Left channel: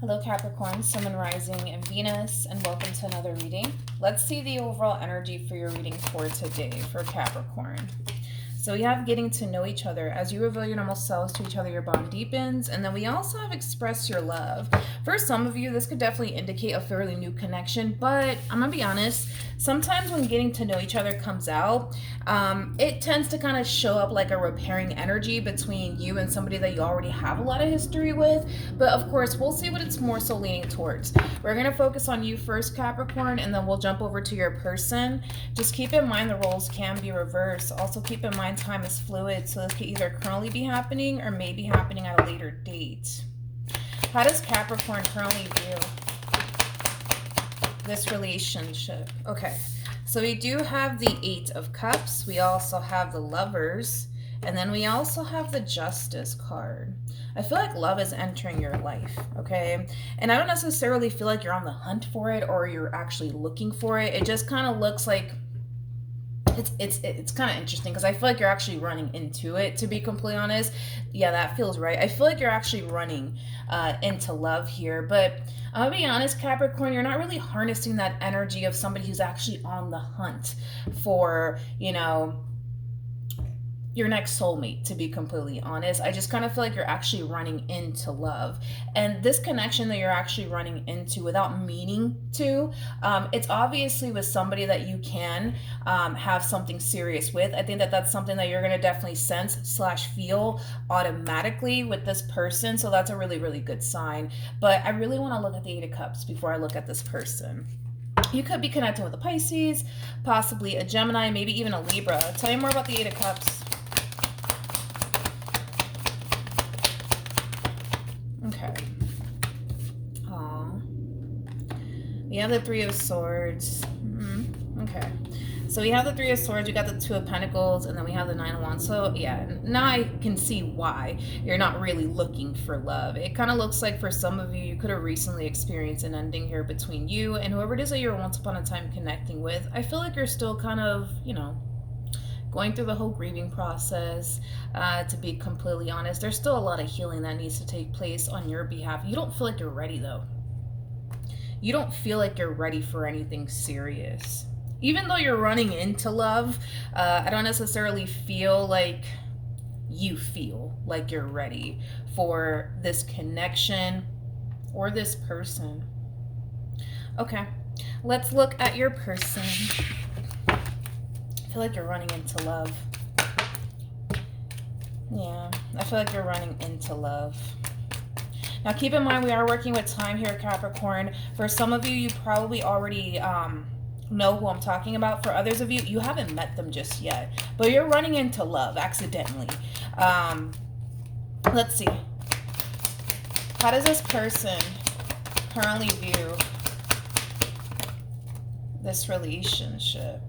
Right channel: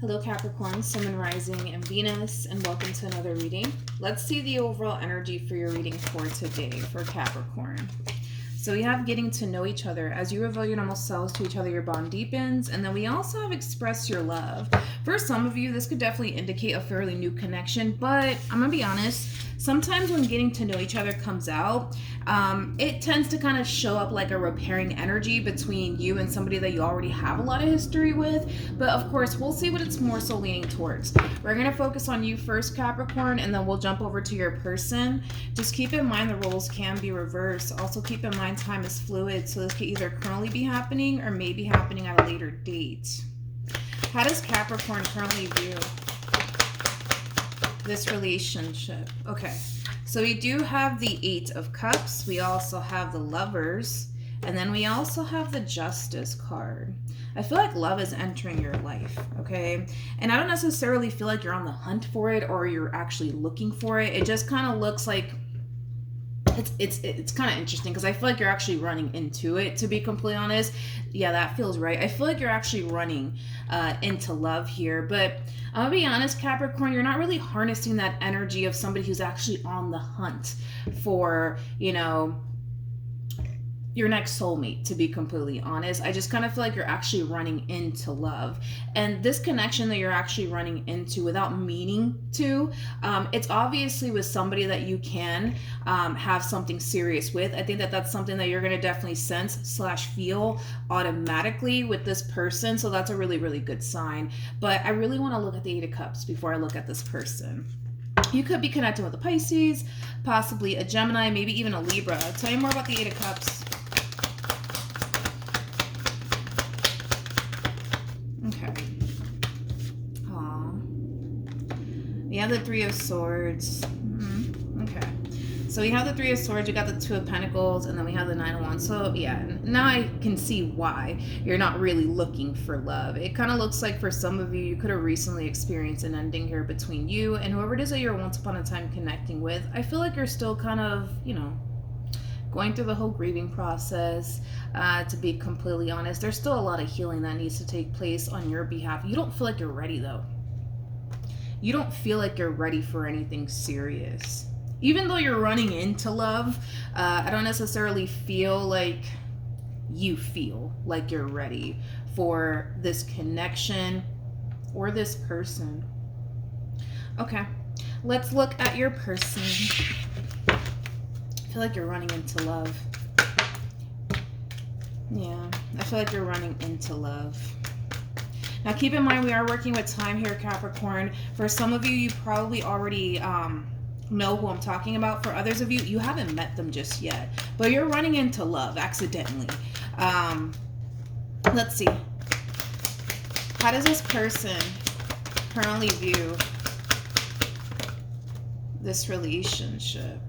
Hello Capricorn, Sun and Rising and Venus, and welcome to another reading. Let's see the overall energy for your reading for today for Capricorn. So we have getting to know each other. As you reveal your normal selves to each other, your bond deepens. And then we also have express your love. For some of you, this could definitely indicate a fairly new connection, but I'm gonna be honest, sometimes when getting to know each other comes out, it tends to kind of show up like a repairing energy between you and somebody that you already have a lot of history with. But of course, we'll see what it's more so leaning towards. We're going to focus on you first, Capricorn, and then we'll jump over to your person. Just keep in mind the roles can be reversed. Also keep in mind time is fluid, so this could either currently be happening or may be happening at a later date. How does Capricorn currently view this relationship? Okay, so we do have the Eight of Cups. We also have the Lovers. And then we also have the Justice card. I feel like love is entering your life, okay? And I don't necessarily feel like you're on the hunt for it or you're actually looking for it. It just kind of looks like it's kind of interesting because I feel like you're actually running into it, to be completely honest. Yeah, that feels right. I feel like you're actually running into love here, but I'll be honest, Capricorn, you're not really harnessing that energy of somebody who's actually on the hunt for, your next soulmate, to be completely honest. I just kind of feel like you're actually running into love, and this connection that you're actually running into without meaning to, it's obviously with somebody that you can have something serious with. I think that that's something that you're going to definitely sense / feel automatically with this person, so that's a really, really good sign. But I really want to look at the Eight of Cups before I look at this person. You could be connecting with a Pisces, possibly a Gemini, maybe even a Libra. Tell me more about the Eight of Cups. Okay. Oh. We have the Three of Swords. Okay. So we have the Three of Swords, we got the Two of Pentacles, and then we have the Nine of Wands. So yeah, now I can see why you're not really looking for love. It kind of looks like for some of you, you could have recently experienced an ending here between you and whoever it is that you're once upon a time connecting with. I feel like you're still kind of, going through the whole grieving process. To be completely honest, there's still a lot of healing that needs to take place on your behalf. You don't feel like you're ready, though. You don't feel like you're ready for anything serious. Even though you're running into love, I don't necessarily feel like you feel like you're ready for this connection or this person. Okay, let's look at your person. I feel like you're running into love. Yeah, I feel like you're running into love. Now keep in mind we are working with time here, Capricorn. For some of you, you probably already know who I'm talking about. For others of you, you haven't met them just yet, but you're running into love accidentally. Let's see. How does this person currently view this relationship?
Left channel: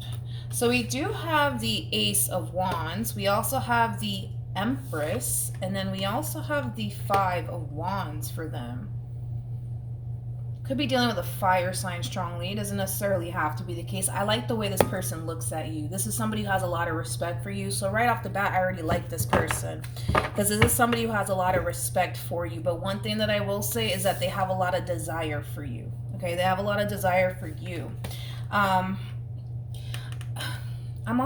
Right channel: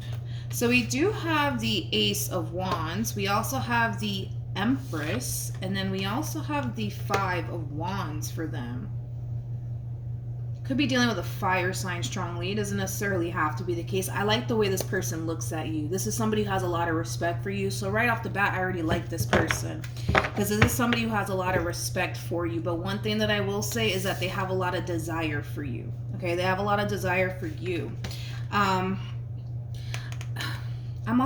So we do have the Ace of Wands. We also have the Empress. And then we also have the Five of Wands for them. Could be dealing with a fire sign strongly. It doesn't necessarily have to be the case. I like the way this person looks at you. This is somebody who has a lot of respect for you. So right off the bat, I already like this person. Because this is somebody who has a lot of respect for you. But one thing that I will say is that they have a lot of desire for you. Okay, they have a lot of desire for you. I'm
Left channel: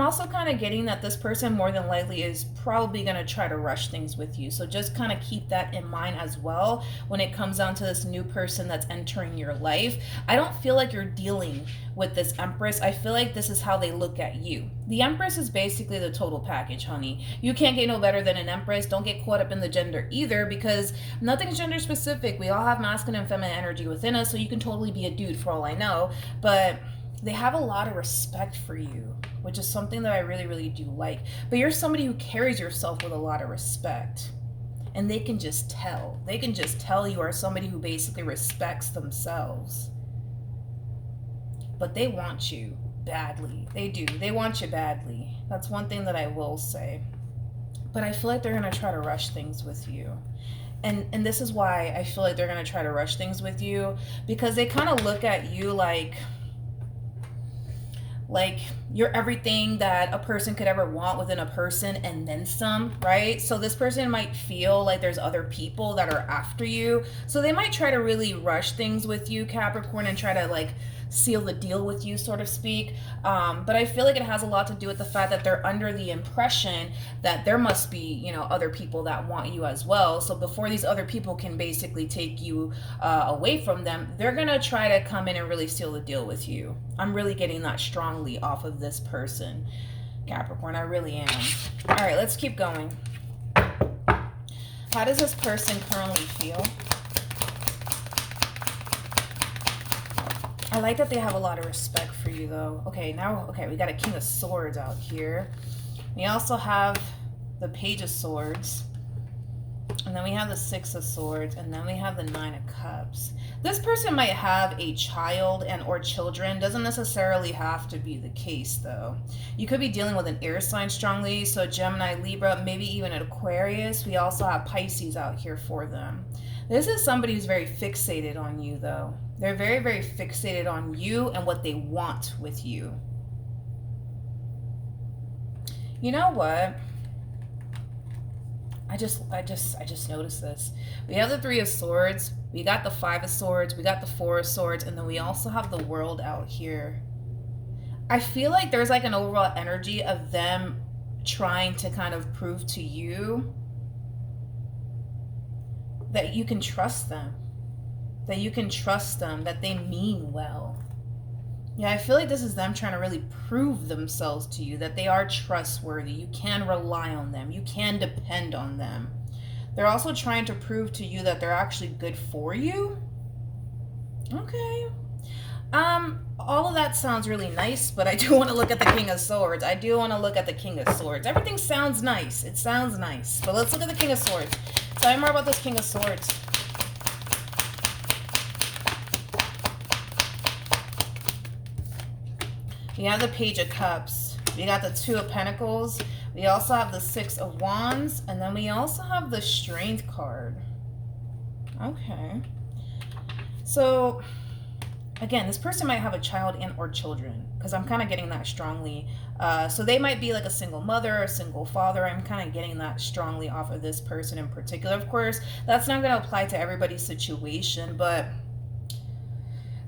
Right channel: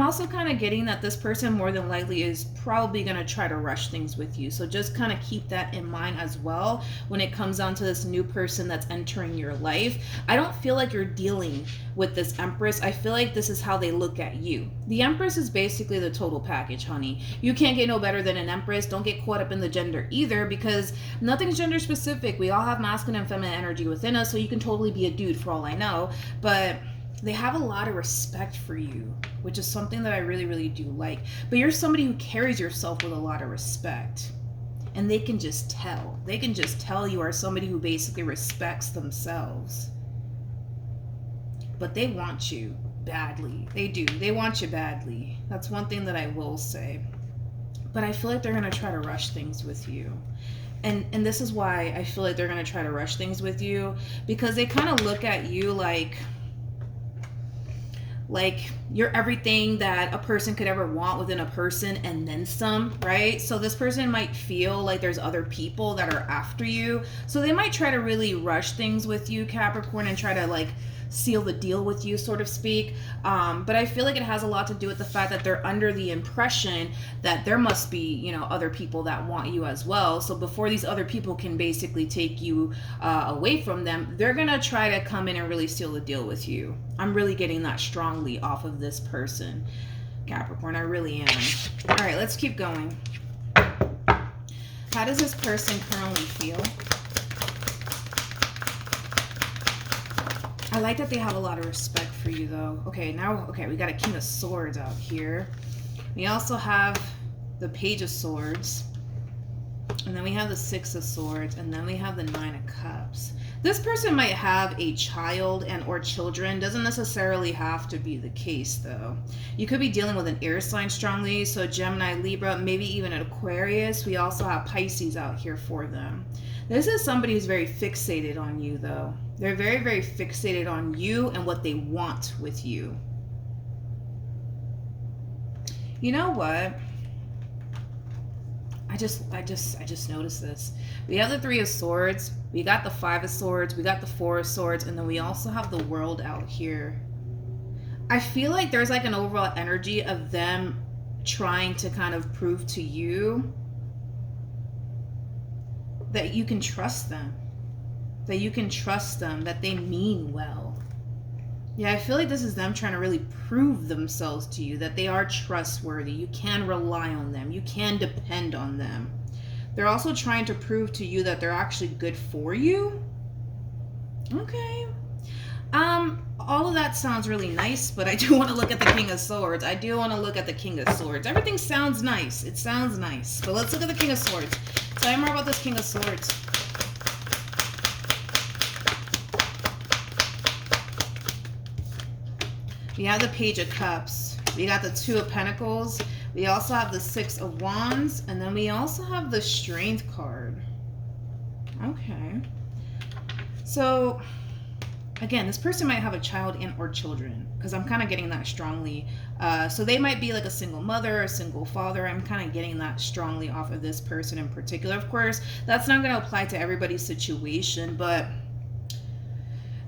also kind of getting that this person more than likely is probably going to try to rush things with you. So just kind of keep that in mind as well when it comes down to this new person that's entering your life. I don't feel like you're dealing with this Empress. I feel like this is how they look at you. The Empress is basically the total package, honey. You can't get no better than an Empress. Don't get caught up in the gender either, because nothing's gender specific. We all have masculine and feminine energy within us, so you can totally be a dude for all I know. But they have a lot of respect for you, which is something that I really, really do like. But you're somebody who carries yourself with a lot of respect. And they can just tell. They can just tell you are somebody who basically respects themselves. But they want you badly. They do. They want you badly. That's one thing that I will say. But I feel like they're going to try to rush things with you. And this is why I feel like they're going to try to rush things with you. Because they kind of look at you like You're everything that a person could ever want within a person and then some, right? So this person might feel like there's other people that are after you. So they might try to really rush things with you, Capricorn, and try to like seal the deal with you, sort of speak. But I feel like it has a lot to do with the fact that they're under the impression that there must be, you know, other people that want you as well. So before these other people can basically take you away from them, they're gonna try to come in and really seal the deal with you. I'm really getting that strongly off of this person, Capricorn. I really am. All right, let's keep going. How does this person currently feel? I like that they have a lot of respect for you, though. Okay, we got a King of Swords out here. We also have the Page of Swords. And then we have the Six of Swords. And then we have the Nine of Cups. This person might have a child and or children. Doesn't necessarily have to be the case, though. You could be dealing with an air sign strongly. So Gemini, Libra, maybe even an Aquarius. We also have Pisces out here for them. This is somebody who's very fixated on you, though. They're very, very fixated on you and what they want with you. You know what? I just noticed this. We have the Three of Swords. We got the Five of Swords. We got the Four of Swords. And then we also have the World out here. I feel like there's like an overall energy of them trying to kind of prove to you that you can trust them. That you can trust them. That they mean well. Yeah, I feel like this is them trying to really prove themselves to you. That they are trustworthy. You can rely on them. You can depend on them. They're also trying to prove to you that they're actually good for you. Okay. All of that sounds really nice, but I do want to look at the King of Swords. I do want to look at the King of Swords. Everything sounds nice. It sounds nice. But let's look at the King of Swords. Tell me more about this King of Swords. We have the Page of Cups. We got the Two of Pentacles. We also have the Six of Wands. And then we also have the Strength card. Okay. So, again, this person might have a child and or children. Because I'm kind of getting that strongly. So they might be like a single mother or a single father. I'm kind of getting that strongly off of this person in particular. Of course, that's not going to apply to everybody's situation. But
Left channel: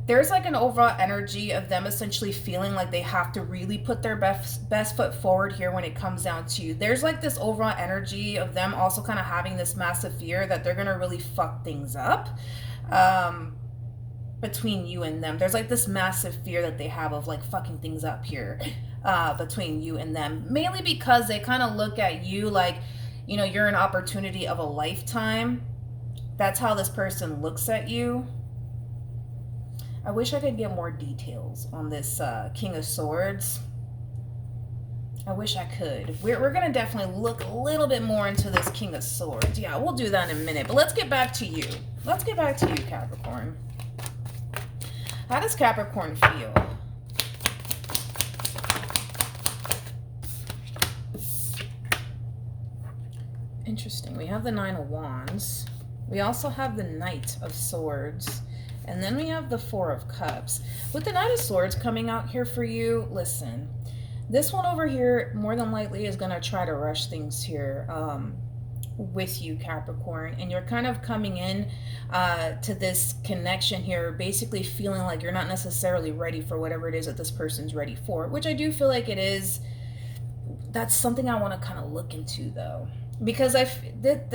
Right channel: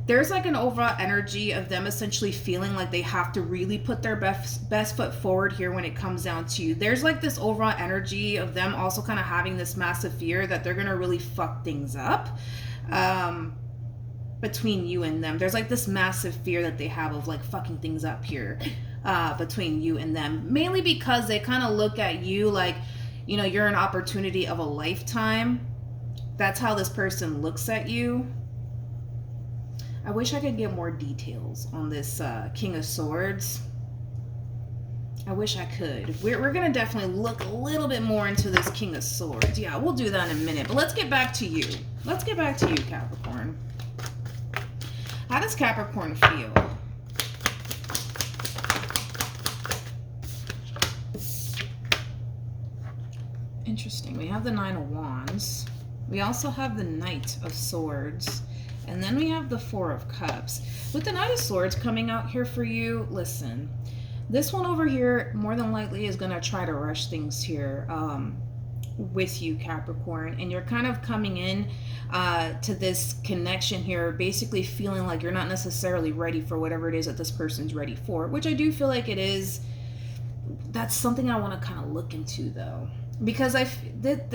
there's like an overall energy of them essentially feeling like they have to really put their best foot forward here when it comes down to you. There's like this overall energy of them also kind of having this massive fear that they're going to really fuck things up between you and them. There's like this massive fear that they have of like fucking things up here between you and them. Mainly because they kind of look at you like, you know, you're an opportunity of a lifetime. That's how this person looks at you. I wish I could get more details on this King of Swords. I wish I could. We're going to definitely look a little bit more into this King of Swords. Yeah, we'll do that in a minute. But let's get back to you. Let's get back to you, Capricorn. How does Capricorn feel? Interesting. We have the Nine of Wands. We also have the Knight of Swords. And then we have the Four of Cups. With the Knight of Swords coming out here for you, listen, this one over here more than likely is going to try to rush things here with you, Capricorn. And you're kind of coming in to this connection here, basically feeling like you're not necessarily ready for whatever it is that this person's ready for, which I do feel like it is. That's something I want to kind of look into, though. Because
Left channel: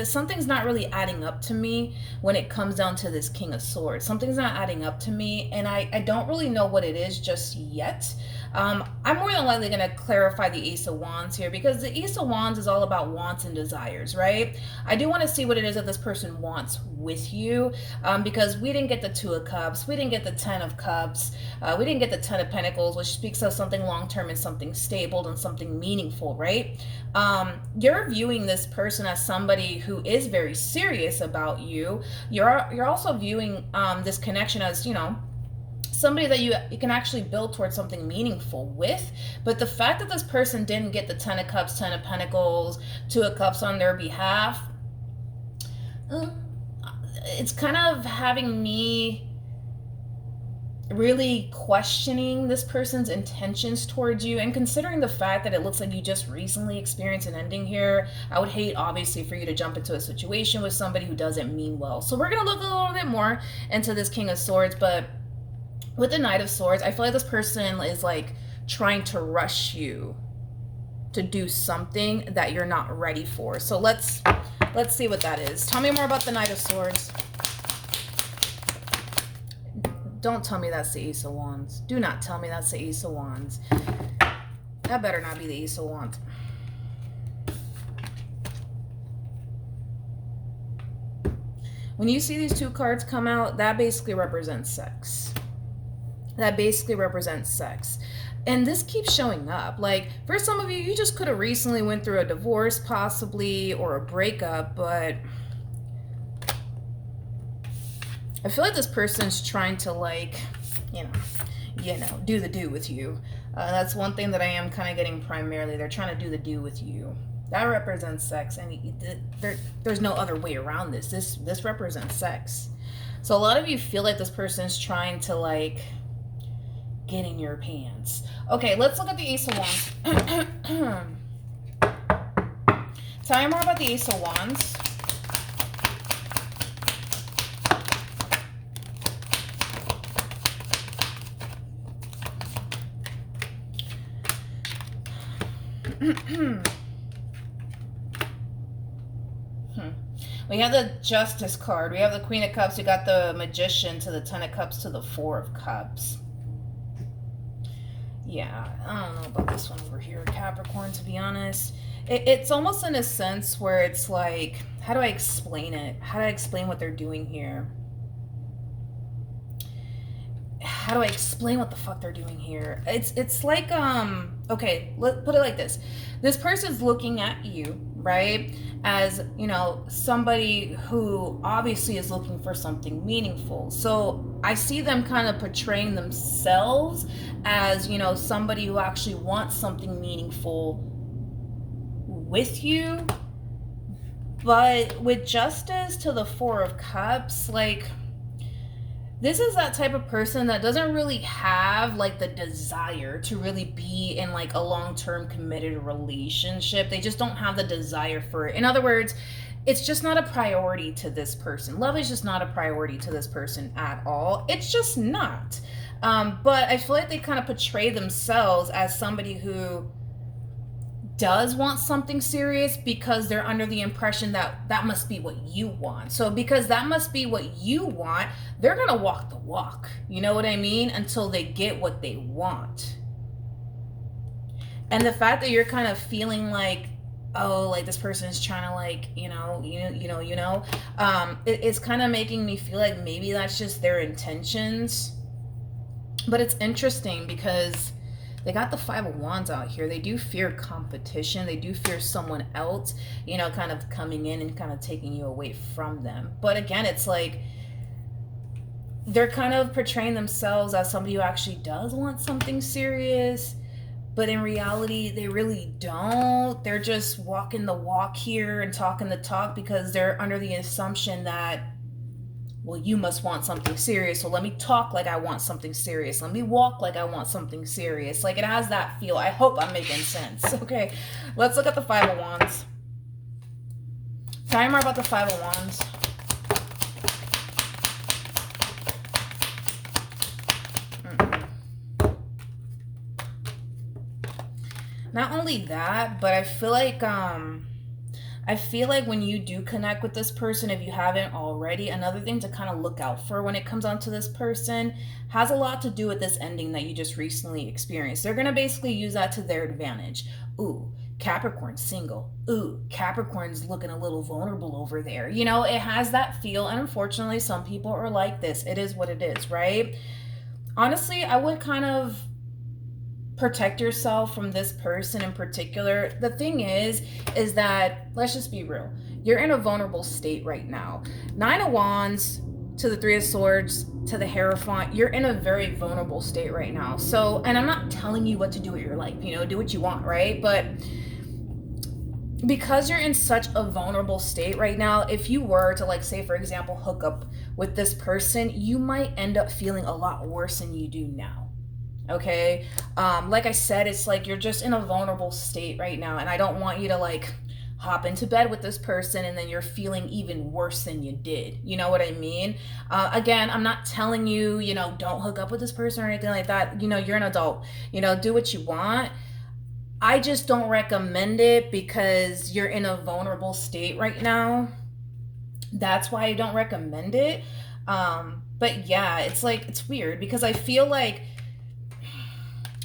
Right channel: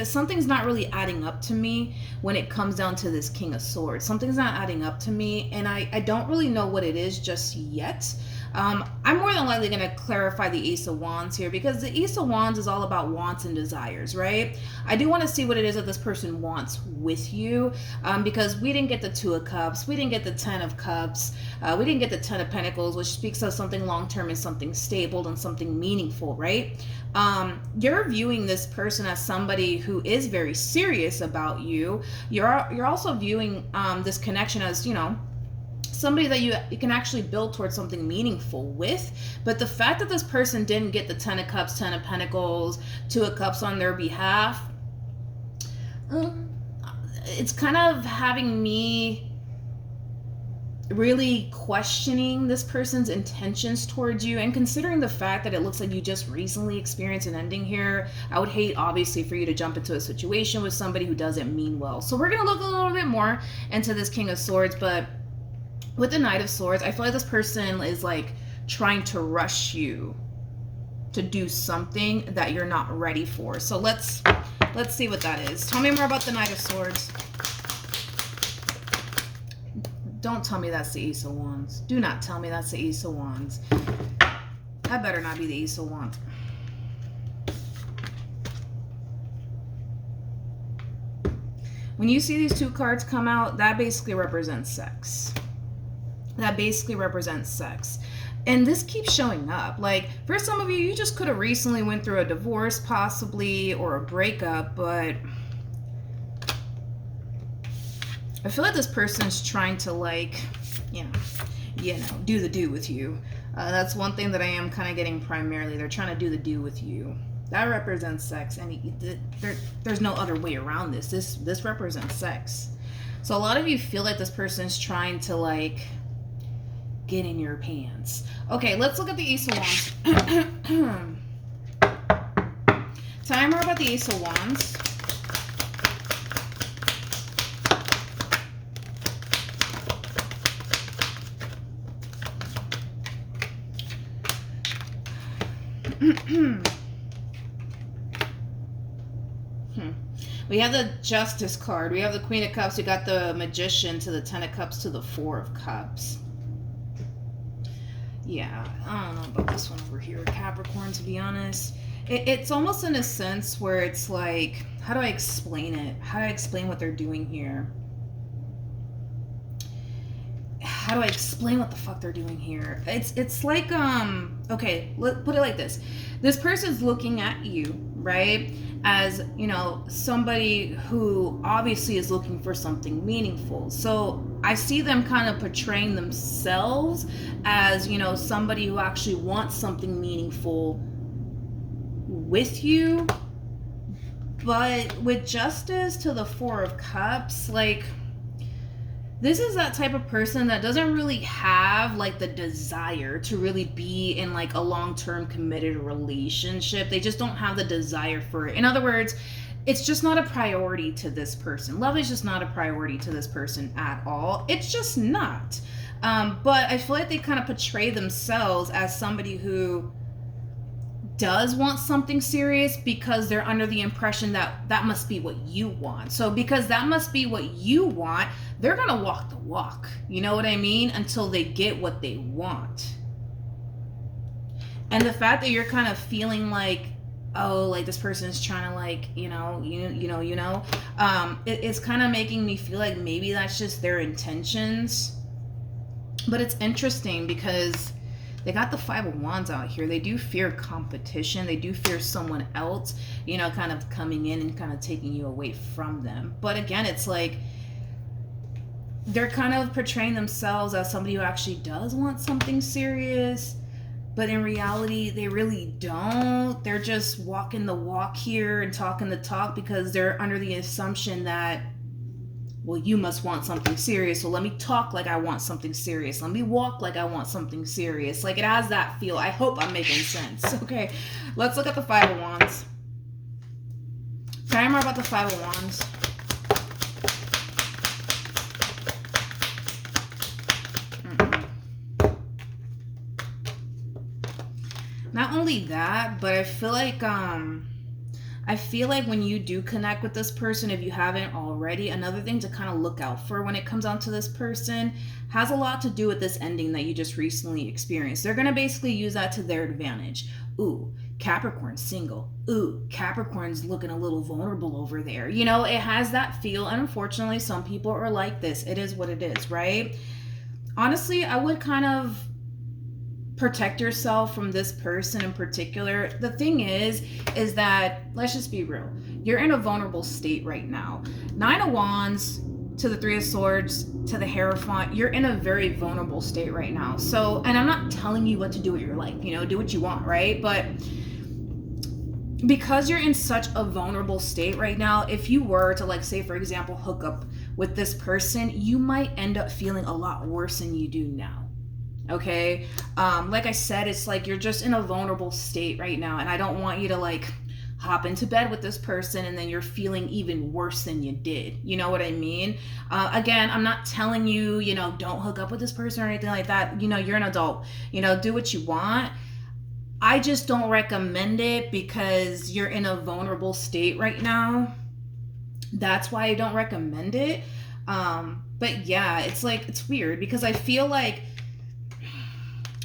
something's not really adding up to me when it comes down to this King of Swords. Something's not adding up to me, and I don't really know what it is just yet. I'm more than likely going to clarify the Ace of Wands here, because the Ace of Wands is all about wants and desires, right? I do want to see what it is that this person wants with you, because we didn't get the Two of Cups, we didn't get the Ten of Cups, we didn't get the Ten of Pentacles, which speaks of something long-term and something stable and something meaningful, right? You're viewing this person as somebody who is very serious about you. You're also viewing this connection as, you know, somebody that you can actually build towards something meaningful with. But the fact that this person didn't get the Ten of Cups, Ten of Pentacles, Two of Cups on their behalf, it's kind of having me really questioning this person's intentions towards you, and considering the fact that it looks like you just recently experienced an ending here, I would hate obviously for you to jump into a situation with somebody who doesn't mean well. So we're going to look a little bit more into this King of Swords, but with the Knight of Swords, I feel like this person is like trying to rush you to do something that you're not ready for. So let's see what that is. Tell me more about the Knight of Swords. Don't tell me that's the Ace of Wands. Do not tell me that's the Ace of Wands. That better not be the Ace of Wands. When you see these two cards come out, that basically represents sex. That basically represents sex. And this keeps showing up. Like, for some of you, you just could have recently went through a divorce, possibly, or a breakup, but I feel like this person's trying to, like, you know, do the do with you. That's one thing that I am kind of getting primarily. They're trying to do the do with you. That represents sex, and there's no other way around this. This represents sex. So a lot of you feel like this person's trying to, like, get in your pants. Okay, let's look at the Ace of Wands. Tell me more about the Ace of Wands. We have the Justice card. We have the Queen of Cups. We got the Magician to the Ten of Cups to the Four of Cups. Yeah, I don't know about this one over here, Capricorn, to be honest. It's almost in a sense where it's like, how do I explain it? How do I explain what they're doing here? How do I explain what the fuck they're doing here? It's like, okay, let's put it like this. This person's looking at you, right, as, you know, somebody who obviously is looking for something meaningful. So I see them kind of portraying themselves as, you know, somebody who actually wants something meaningful with you. But with Justice to the Four of Cups, like, this is that type of person that doesn't really have, like, the desire to really be in, like, a long-term committed relationship. They just don't have the desire for it. In other words, it's just not a priority to this person. Love is just not a priority to this person at all. It's just not. But I feel like they kind of portray themselves as somebody who does want something serious because they're under the impression that that must be what you want. So because that must be what you want, they're gonna walk the walk, you know what I mean, until they get what they want. And the fact that you're kind of feeling like, oh, like this person's trying to, like, it's kind of making me feel like maybe that's just their intentions. But it's interesting because they got the Five of Wands out here. They do fear competition. They do fear someone else, you know, kind of coming in and kind of taking you away from them. But again, it's like they're kind of portraying themselves as somebody who actually does want something serious. But in reality, they really don't. They're just walking the walk here and talking the talk because they're under the assumption that, well, you must want something serious, so let me talk like I want something serious. Let me walk like I want something serious. Like, it has that feel. I hope I'm making sense. Okay, let's look at the Five of Wands. Tell me more about the Five of Wands. Not only that, but I feel like when you do connect with this person, if you haven't already, another thing to kind of look out for when it comes on to this person has a lot to do with this ending that you just recently experienced. They're going to basically use that to their advantage. Ooh, Capricorn's single. Ooh, Capricorn's looking a little vulnerable over there. You know, it has that feel. And unfortunately, some people are like this. It is what it is, right? Honestly, I would kind of protect yourself from this person in particular. The thing is that, let's just be real, you're in a vulnerable state right now. Nine of Wands to the Three of Swords to the Hierophant, you're in a very vulnerable state right now. So, and I'm not telling you what to do with your life, you know, do what you want, right? But because you're in such a vulnerable state right now, if you were to, like, say for example, hook up with this person, you might end up feeling a lot worse than you do now. Okay. Like I said, it's like you're just in a vulnerable state right now, and I don't want you to like hop into bed with this person and then you're feeling even worse than you did. You know what I mean? Again, I'm not telling you, you know, don't hook up with this person or anything like that. You know, you're an adult, you know, do what you want. I just don't recommend it because you're in a vulnerable state right now. That's why I don't recommend it. But yeah, it's like, it's weird because I feel like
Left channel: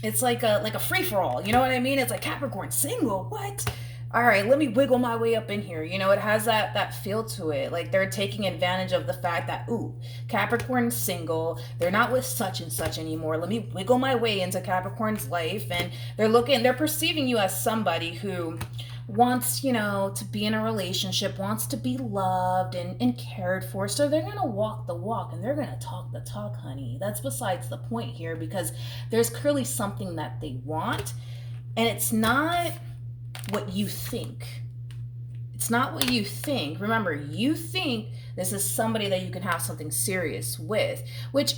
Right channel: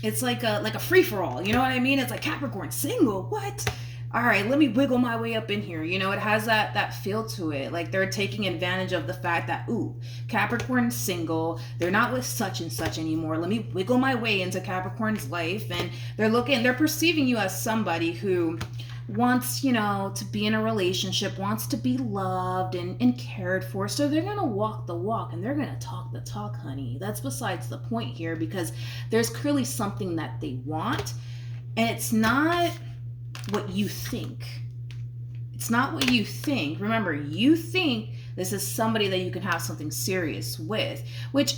it's like a free for all. You know what I mean? It's like Capricorn single. What? All right, let me wiggle my way up in here. You know, it has that feel to it. Like they're taking advantage of the fact that, ooh, Capricorn's single. They're not with such and such anymore. Let me wiggle my way into Capricorn's life. And they're perceiving you as somebody who wants, you know, to be in a relationship, wants to be loved and cared for. So they're going to walk the walk and they're going to talk the talk, honey. That's besides the point here because there's clearly something that they want. And it's not what you think. It's not what you think. Remember, you think this is somebody that you can have something serious with, which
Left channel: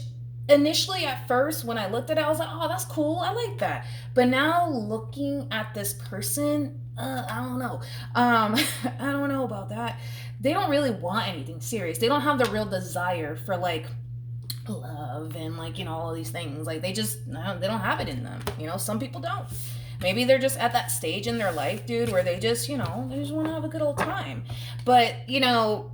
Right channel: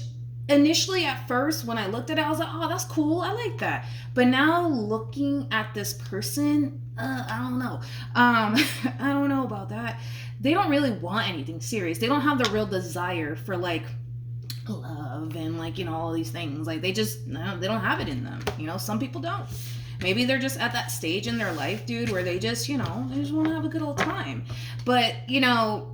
initially at first when I looked at it, I was like, oh, that's cool. I like that. But now looking at this person, I don't know. I don't know about that. They don't really want anything serious. They don't have the real desire for like love and like, you know, all these things. Like they don't have it in them. You know, some people don't. Maybe they're just at that stage in their life, dude, where they just, you know, they just want to have a good old time. But, you know,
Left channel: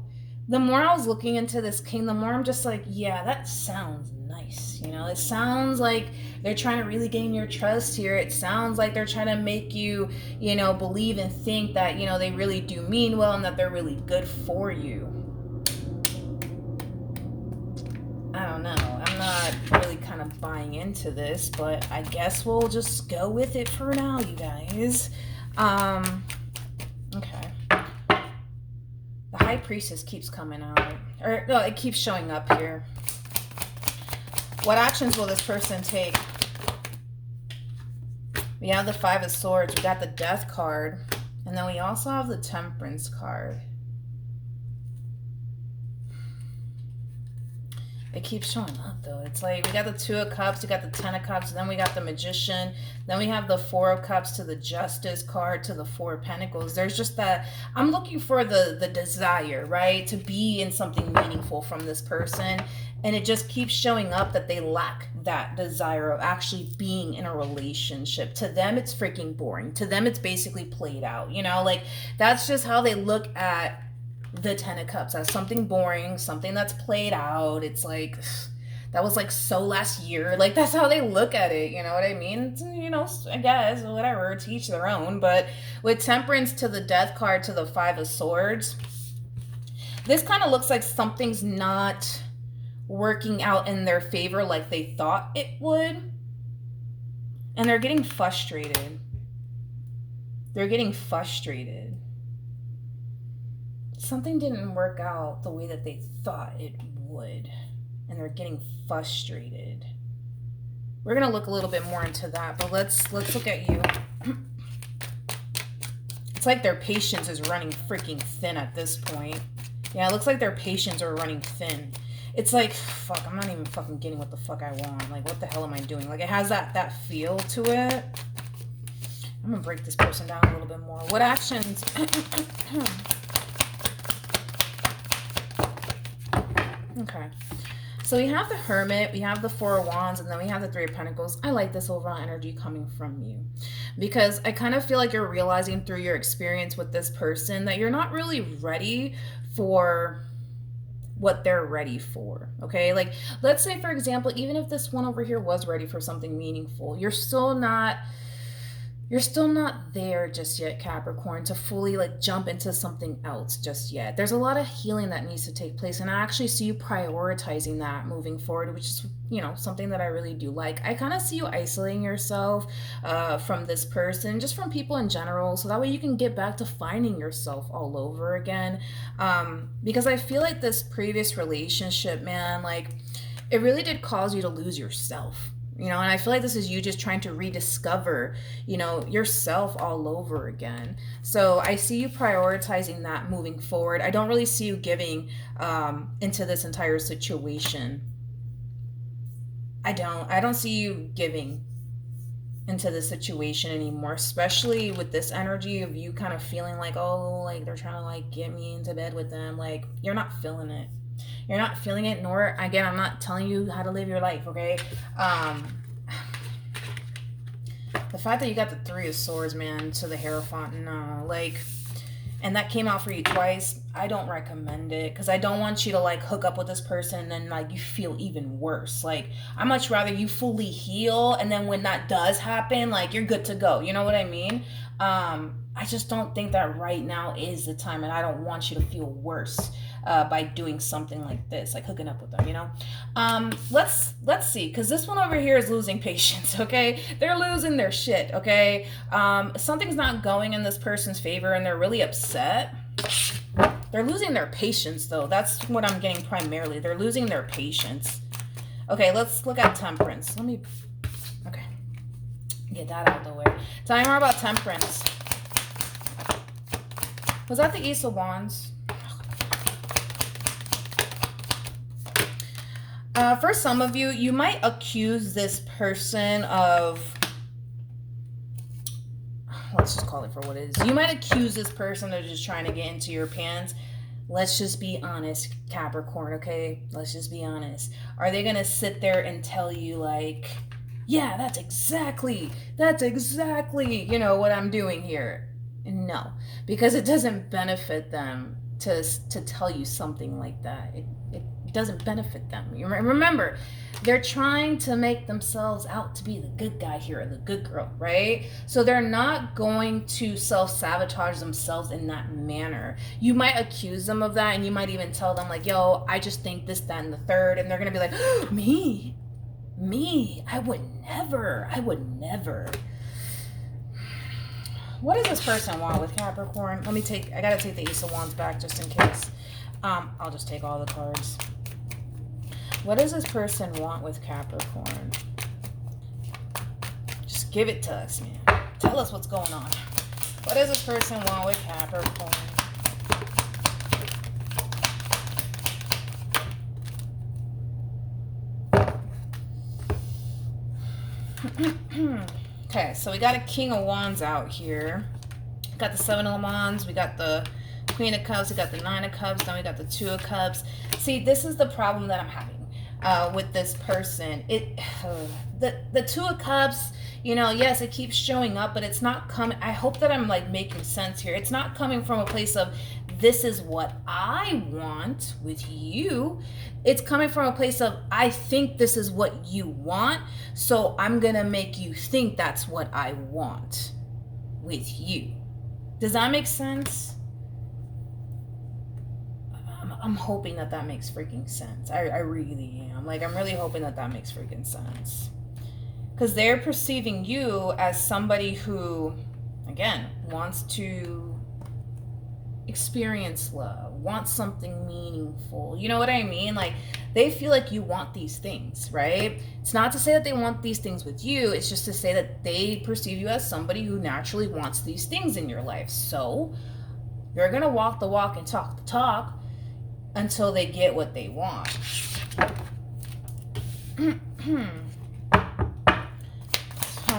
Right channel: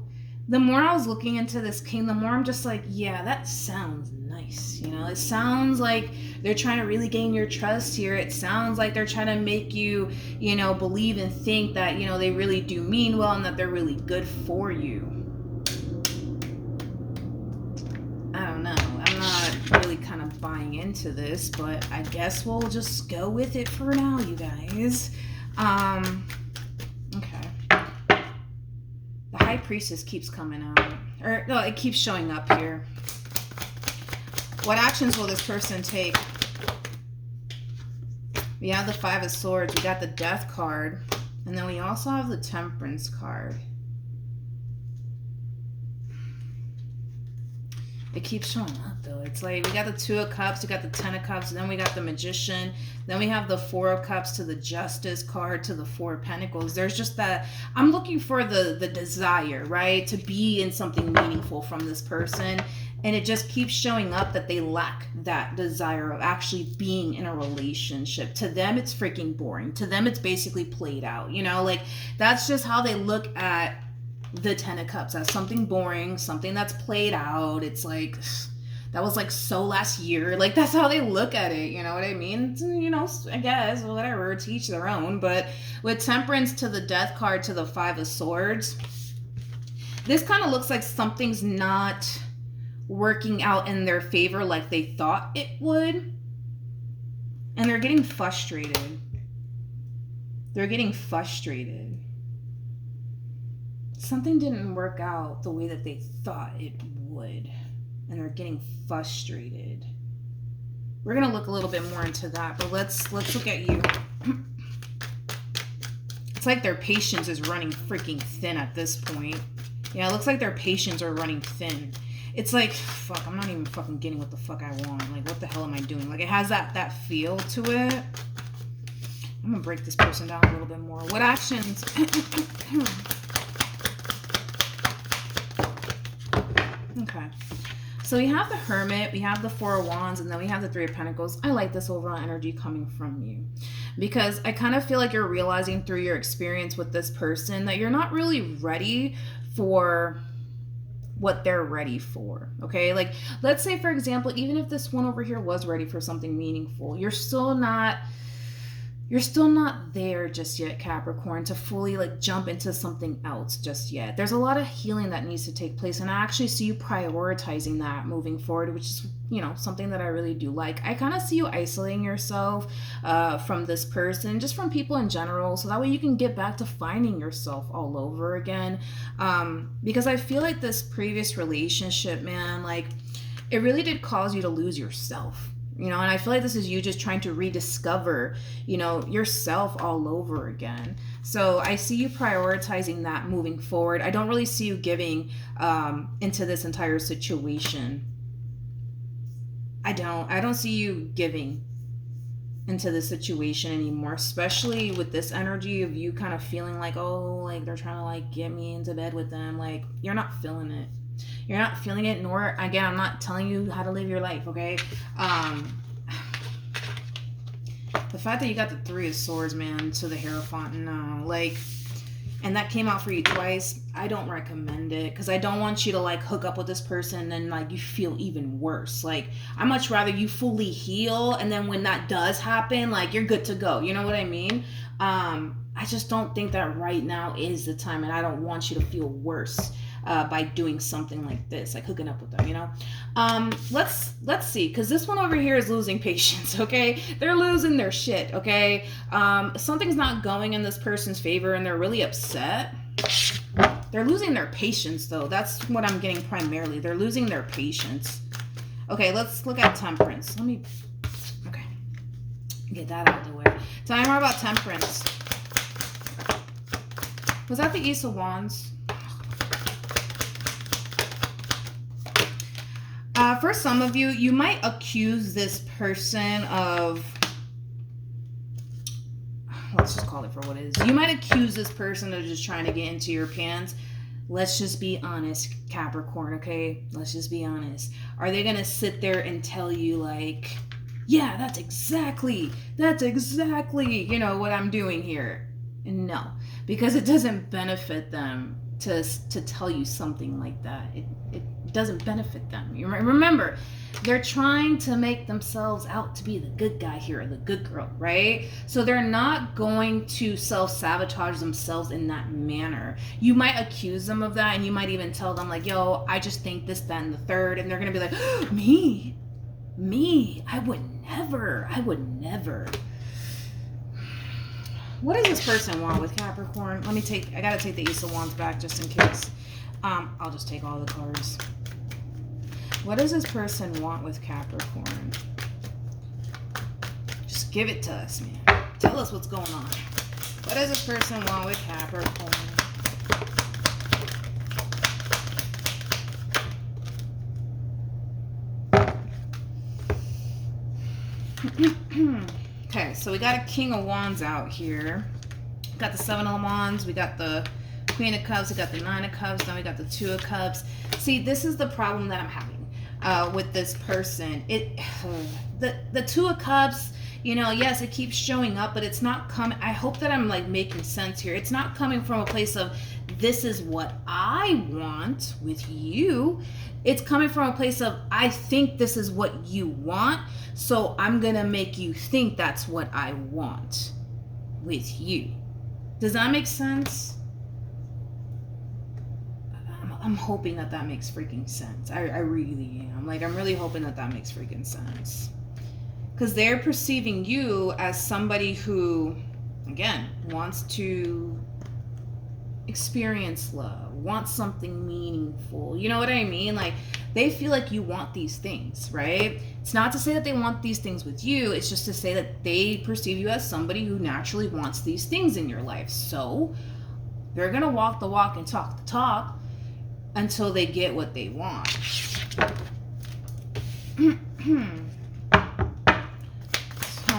the more I was looking into this king, the more I'm just like, yeah, that sounds nice. You know, it sounds like they're trying to really gain your trust here. It sounds like they're trying to make you, you know, believe and think that, you know, they really do mean well and that they're really good for you. I don't know. I'm not really kind of buying into this, but I guess we'll just go with it for now, you guys. Okay. The High Priestess keeps coming out. Or, no, it keeps showing up here. What actions will this person take? We have the Five of Swords. We got the Death card. And then we also have the Temperance card. It keeps showing up though. It's like we got the Two of Cups, we got the Ten of Cups, then we got the Magician, then we have the Four of Cups to the Justice card to the Four of Pentacles. There's just that, I'm looking for the desire, right? To be in something meaningful from this person. And it just keeps showing up that they lack that desire of actually being in a relationship. To them, it's freaking boring. To them, it's basically played out. You know, like that's just how they look at the Ten of Cups, as something boring, something that's played out. It's like, that was like so last year. Like that's how they look at it. You know what I mean? You know, I guess, whatever, to each their own. But with Temperance to the Death card to the Five of Swords, this kind of looks like something's not working out in their favor like they thought it would. And they're getting frustrated. They're getting frustrated. Something didn't work out the way that they thought it would. And they're getting frustrated. We're going to look a little bit more into that, but let's look at you. It's like their patience is running freaking thin at this point. Yeah, it looks like their patience are running thin. It's like, fuck, I'm not even fucking getting what the fuck I want. Like, what the hell am I doing? Like, it has that feel to it. I'm going to break this person down a little bit more. What actions... Okay. So we have the Hermit, we have the Four of Wands, and then we have the Three of Pentacles. I like this overall energy coming from you. Because I kind of feel like you're realizing through your experience with this person that you're not really ready for what they're ready for, okay? Like, let's say, for example, even if this one over here was ready for something meaningful, you're still not there just yet, Capricorn, to fully like jump into something else just yet. There's a lot of healing that needs to take place, and I actually see you prioritizing that moving forward, which is, you know, something that I really do like. I kind of see you isolating yourself from this person, just from people in general, so that way you can get back to finding yourself all over again. Because I feel like this previous relationship, man, like it really did cause you to lose yourself. You know, and I feel like this is you just trying to rediscover, you know, yourself all over again. So I see you prioritizing that moving forward. I don't really see you giving into this entire situation. I don't see you giving into the situation anymore, especially with this energy of you kind of feeling like, oh, like they're trying to like get me into bed with them. Like, you're not feeling it. You're not feeling it, nor, again, I'm not telling you how to live your life, okay? The fact that you got the Three of Swords, man, to the Hierophant, no. Like, and that came out for you twice. I don't recommend it because I don't want you to like hook up with this person and then like you feel even worse. Like, I much rather you fully heal, and then when that does happen, like you're good to go. You know what I mean? I just don't think that right now is the time, and I don't want you to feel worse by doing something like this, like hooking up with them. You know, let's see, because this one over here is losing patience. Okay, they're losing their shit. Okay, something's not going in this person's favor, and they're really upset. They're losing their patience, though. That's what I'm getting primarily. They're losing their patience. Okay, let's look at Temperance. Okay, get that out of the way. Tell me more about Temperance. Was that the Ace of Wands? For some of you, you might accuse this person of, let's just call it for what it is. You might accuse this person of just trying to get into your pants. Let's just be honest, Capricorn, okay? Let's just be honest. Are they going to sit there and tell you like, yeah, that's exactly, you know, what I'm doing here? No, because it doesn't benefit them to tell you something like that. It doesn't benefit them. You remember, they're trying to make themselves out to be the good guy here, or the good girl, right? So they're not going to self-sabotage themselves in that manner. You might accuse them of that, and you might even tell them like, yo, I just think this, that, and the third, and they're gonna be like, me, I would never. What does this person want with Capricorn? I gotta take the Ace of Wands back just in case. I'll just take all the cards. What does this person want with Capricorn? Just give it to us, man. Tell us what's going on. What does this person want with Capricorn? Okay, so we got a King of Wands out here. We got the Seven of Wands. We got the Queen of Cups. We got the Nine of Cups. Then we got the Two of Cups. See, this is the problem that I'm having with this person. The Two of Cups, you know, yes, it keeps showing up, but it's not coming. I hope that I'm like making sense here. It's not coming from a place of this is what I want with you. It's coming from a place of I think this is what you want, so I'm gonna make you think that's what I want with you. Does that make sense? I'm hoping that makes freaking sense. I really am. Like, I'm really hoping that makes freaking sense. Because they're perceiving you as somebody who, again, wants to experience love, wants something meaningful. You know what I mean? Like, they feel like you want these things, right? It's not to say that they want these things with you. It's just to say that they perceive you as somebody who naturally wants these things in your life. So they're going to walk the walk and talk the talk until they get what they want. Tell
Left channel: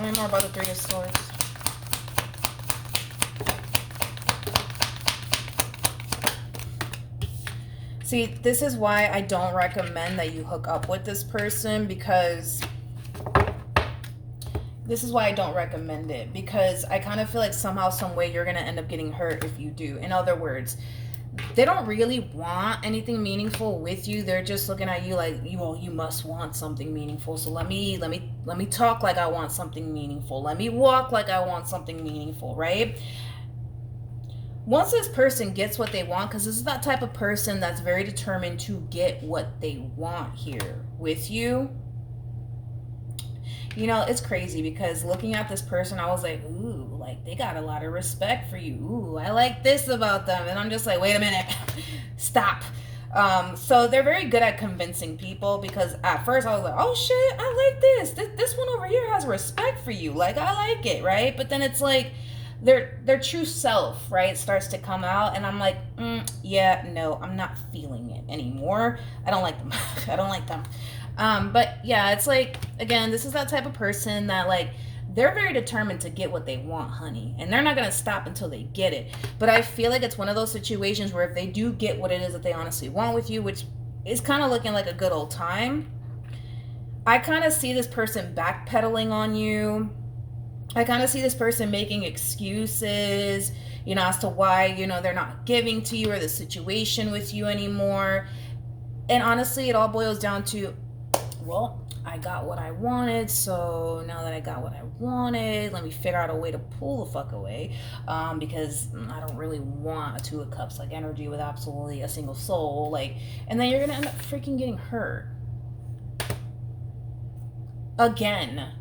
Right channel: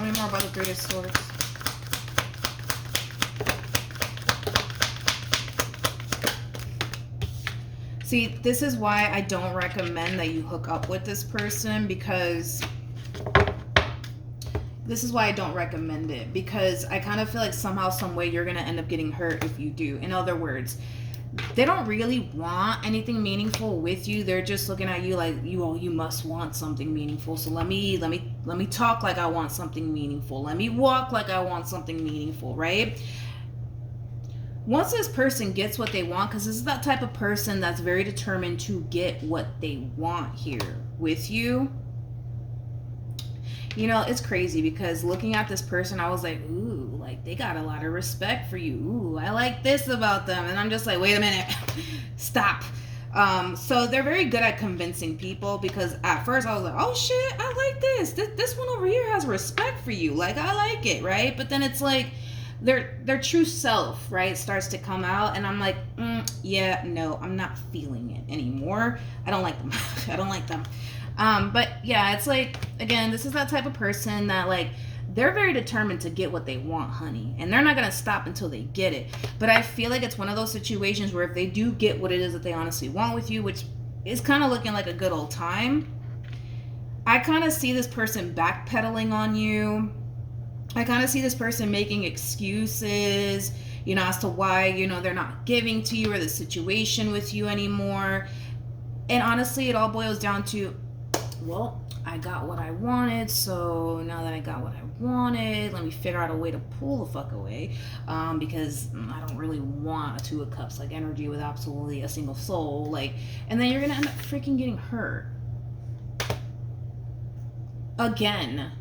me more about the Three of Swords. See, this is why I don't recommend that you hook up with this person, because this is why I don't recommend it, because I kind of feel like somehow, some way you're going to end up getting hurt if you do. In other words, they don't really want anything meaningful with you. They're just looking at you like, you must want something meaningful. So let me talk like I want something meaningful. Let me walk like I want something meaningful, right? Once this person gets what they want, because this is that type of person that's very determined to get what they want here with you. You know, it's crazy because looking at this person, I was like, ooh, like they got a lot of respect for you. Ooh, I like this about them. And I'm just like, wait a minute, stop. So they're very good at convincing people, because at first I was like, oh shit, I like this one over here has respect for you, like I like it, right? But then it's like their true self, right, starts to come out, and I'm like, yeah, no, I'm not feeling it anymore. I don't like them. I don't like them. But yeah, it's like, again, this is that type of person that, like, they're very determined to get what they want, honey, and they're not going to stop until they get it. But I feel like it's one of those situations where if they do get what it is that they honestly want with you, which is kind of looking like a good old time, I kind of see this person backpedaling on you. I kind of see this person making excuses, as to why, they're not giving to you, or the situation with you anymore. And honestly, it all boils down to, well, I got what I wanted, so now that I got what I wanted, let me figure out a way to pull the fuck away, because I don't really want a Two of Cups, like, energy with absolutely a single soul, like, and then you're gonna end up freaking getting hurt again,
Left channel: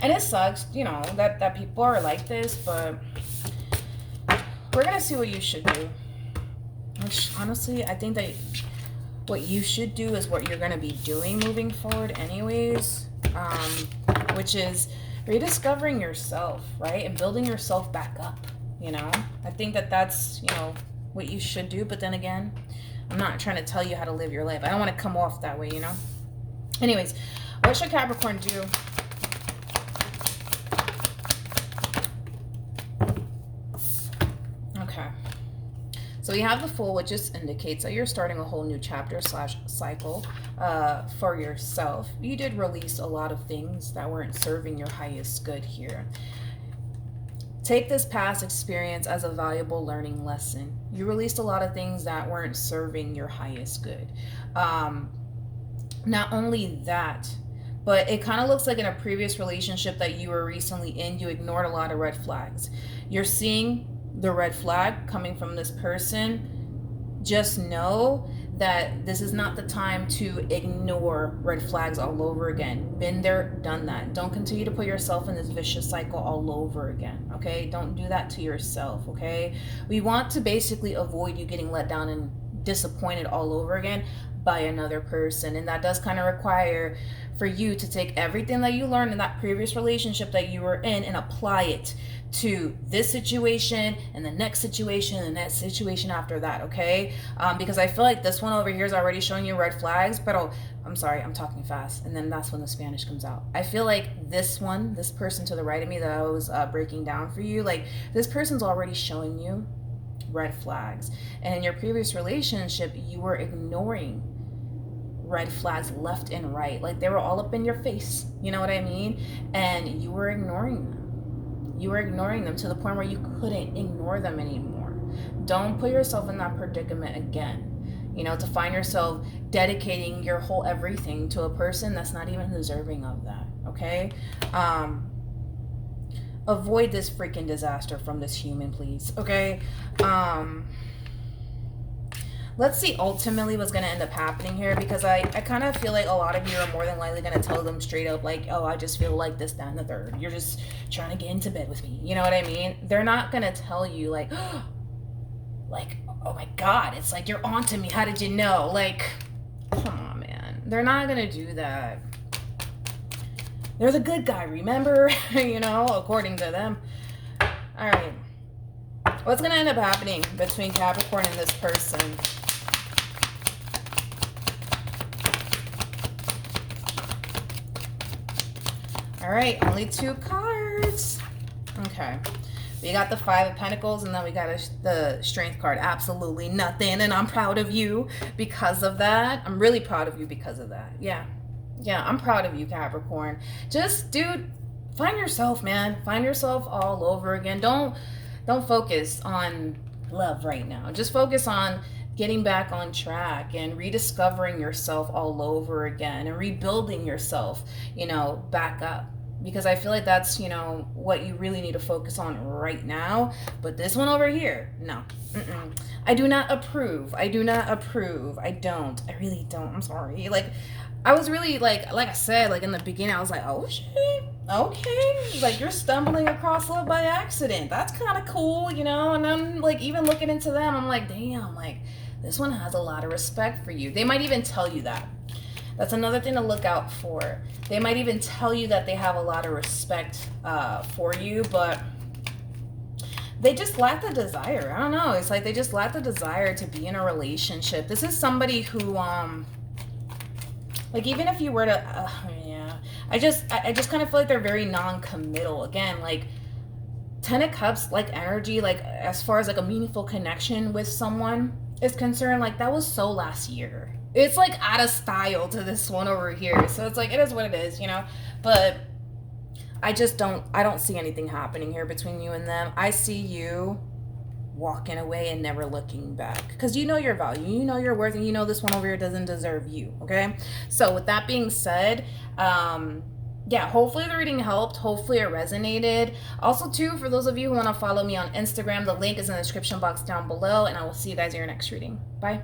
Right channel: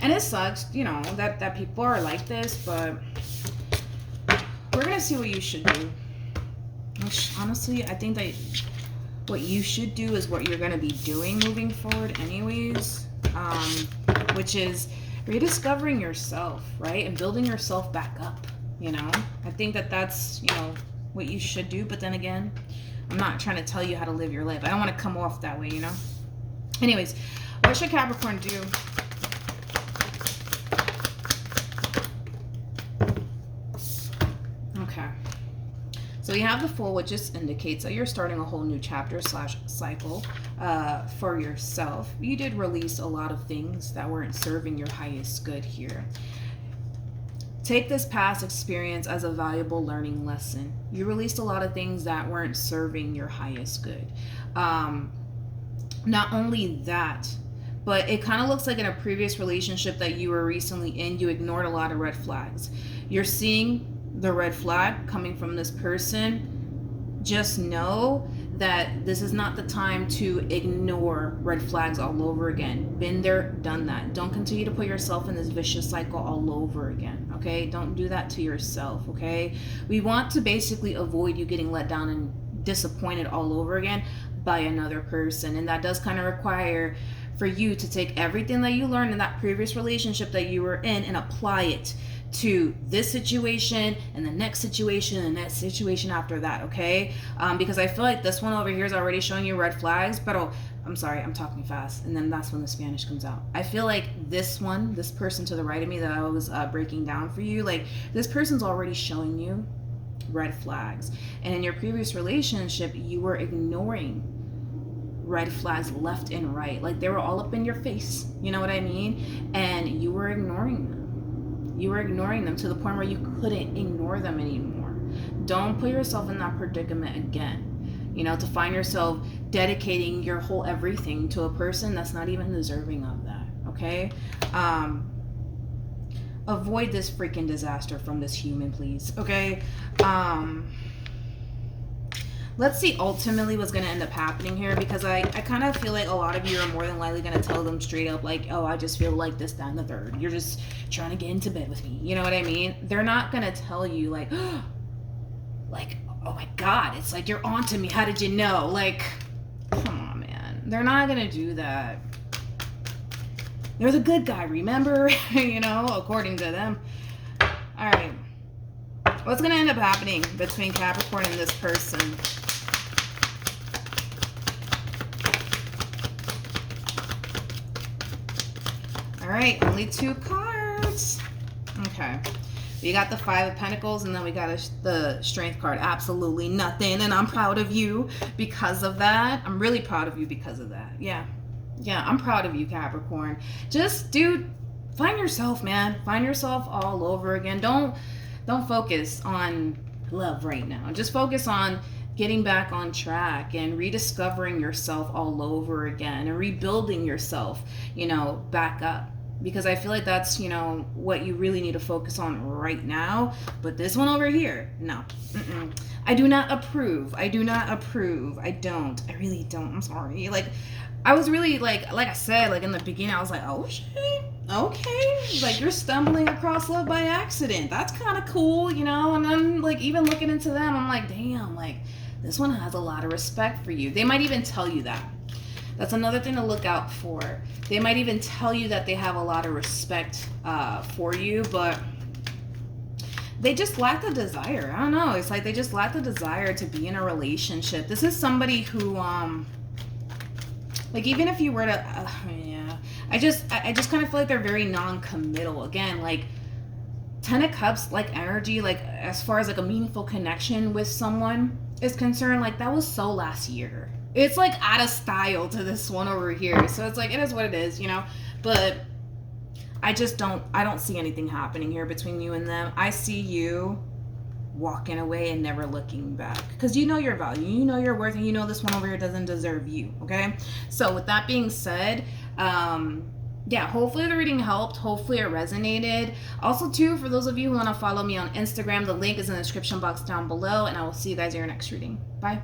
and it sucks, that people are like this, but we're gonna see what you should do. Honestly, I think that what you should do is what you're going to be doing moving forward anyways, which is rediscovering yourself, right, and building yourself back up. I think that that's what you should do. But then again, I'm not trying to tell you how to live your life. I don't want to come off that way. Anyways, what should Capricorn do? So you have the Fool, which just indicates that you're starting a whole new chapter / cycle for yourself. You did release a lot of things that weren't serving your highest good here. Take this past experience as a valuable learning lesson. You released a lot of things that weren't serving your highest good. Not only that, but it kind of looks like in a previous relationship that you were recently in, you ignored a lot of red flags. You're seeing the red flag coming from this person. Just know that this is not the time to ignore red flags all over again. Been there, done that. Don't continue to put yourself in this vicious cycle all over again, okay? Don't do that to yourself, okay? We want to basically avoid you getting let down and disappointed all over again by another person, and that does kind of require for you to take everything that you learned in that previous relationship that you were in and apply it to this situation and the next situation and that situation after that, okay? Because I feel like this one over here is already showing you red flags, but I'm sorry, I'm talking fast, and then that's when the Spanish comes out. I feel like this person to the right of me that I was breaking down for you, like, this person's already showing you red flags. And in your previous relationship, you were ignoring red flags left and right. Like, they were all up in your face, you know what I mean? And you were ignoring them. You were ignoring them to the point where you couldn't ignore them anymore. Don't put yourself in that predicament again, to find yourself dedicating your whole everything to a person that's not even deserving of that, okay? Avoid this freaking disaster from this human, please, okay? Let's see ultimately what's going to end up happening here, because I kind of feel like a lot of you are more than likely going to tell them straight up, like, oh, I just feel like this, that, and the third. You're just trying to get into bed with me. You know what I mean? They're not going to tell you, like, oh my God, it's like you're onto me. How did you know? Like, come on, man. They're not going to do that. They're the good guy, remember? According to them. All right. What's going to end up happening between Capricorn and this person? All right, only 2 cards. Okay. We got the 5 of Pentacles, and then we got the Strength card. Absolutely nothing, and I'm proud of you because of that. I'm really proud of you because of that. Yeah, I'm proud of you, Capricorn. Just, dude, find yourself, man. Find yourself all over again. Don't focus on love right now. Just focus on getting back on track and rediscovering yourself all over again and rebuilding yourself, back up. Because I feel like that's, what you really need to focus on right now. But this one over here, no. I do not approve. I don't. I really don't. I'm sorry. Like, I was really, like I said, like in the beginning, I was like, oh shit, okay. Like, you're stumbling across love by accident. That's kind of cool, And then, like, even looking into them, I'm like, damn, like, This one has a lot of respect for you. They might even tell you that. That's another thing to look out for. They might even tell you that they have a lot of respect for you, but they just lack the desire. I don't know. It's like they just lack the desire to be in a relationship. This is somebody who, like, even if you were to, yeah, I just kind of feel like they're very non-committal. Again, like, 10 of Cups, like, energy, like, as far as, like, a meaningful connection with someone is concerned, like, that was so last year. It's, like, out of style to this one over here. So it's like, it is what it is, you know? But I don't see anything happening here between you and them. I see you walking away and never looking back, because you know your value, you know your worth, and you know this one over here doesn't deserve you. Okay, so with that being said, yeah, hopefully the reading helped, hopefully it resonated. Also too, for those of you who want to follow me on Instagram, the link is in the description box down below, and I will see you guys in your next reading. Bye.